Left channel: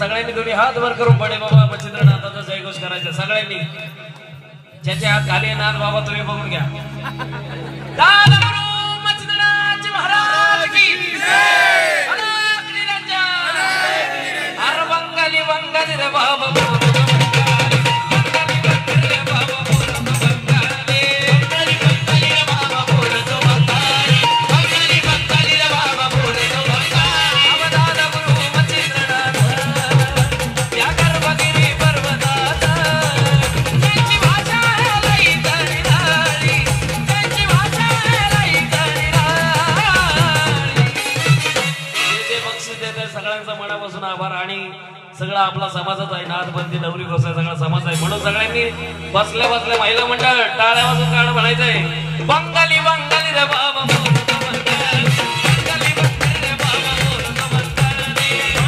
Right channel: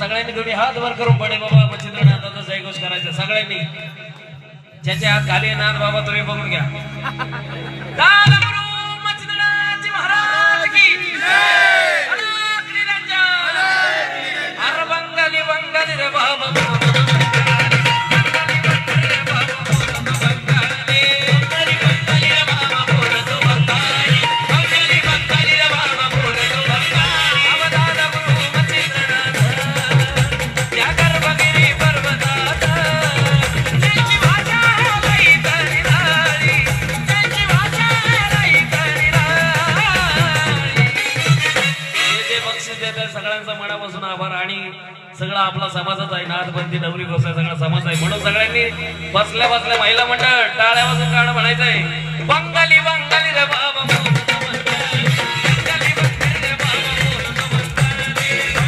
सगळ्यांनी तुम्ही हात वर करून पडे बाबा मच्छिंद्रनाथाचा जयघोष करायचा सगळ्यांनी. ज्याचे हात खाली नाथ बाबा तुम्ही बघून घ्या. मच्छिंद्रनाथ महाराज की अरे बंगाली बंगाली रे बाबा सगळ्यांचा मनापासून आभार. आणि सगळा आपला समाजच आहे. नाथबंदी नवरी गोसाई सगळा समाज आहे. म्हणून सगळ्यांनी बसल्या बसल्या महिला मंडळ टाळ्या वाजून गाणं म्हणायचंय. बंगाली बंगाली रे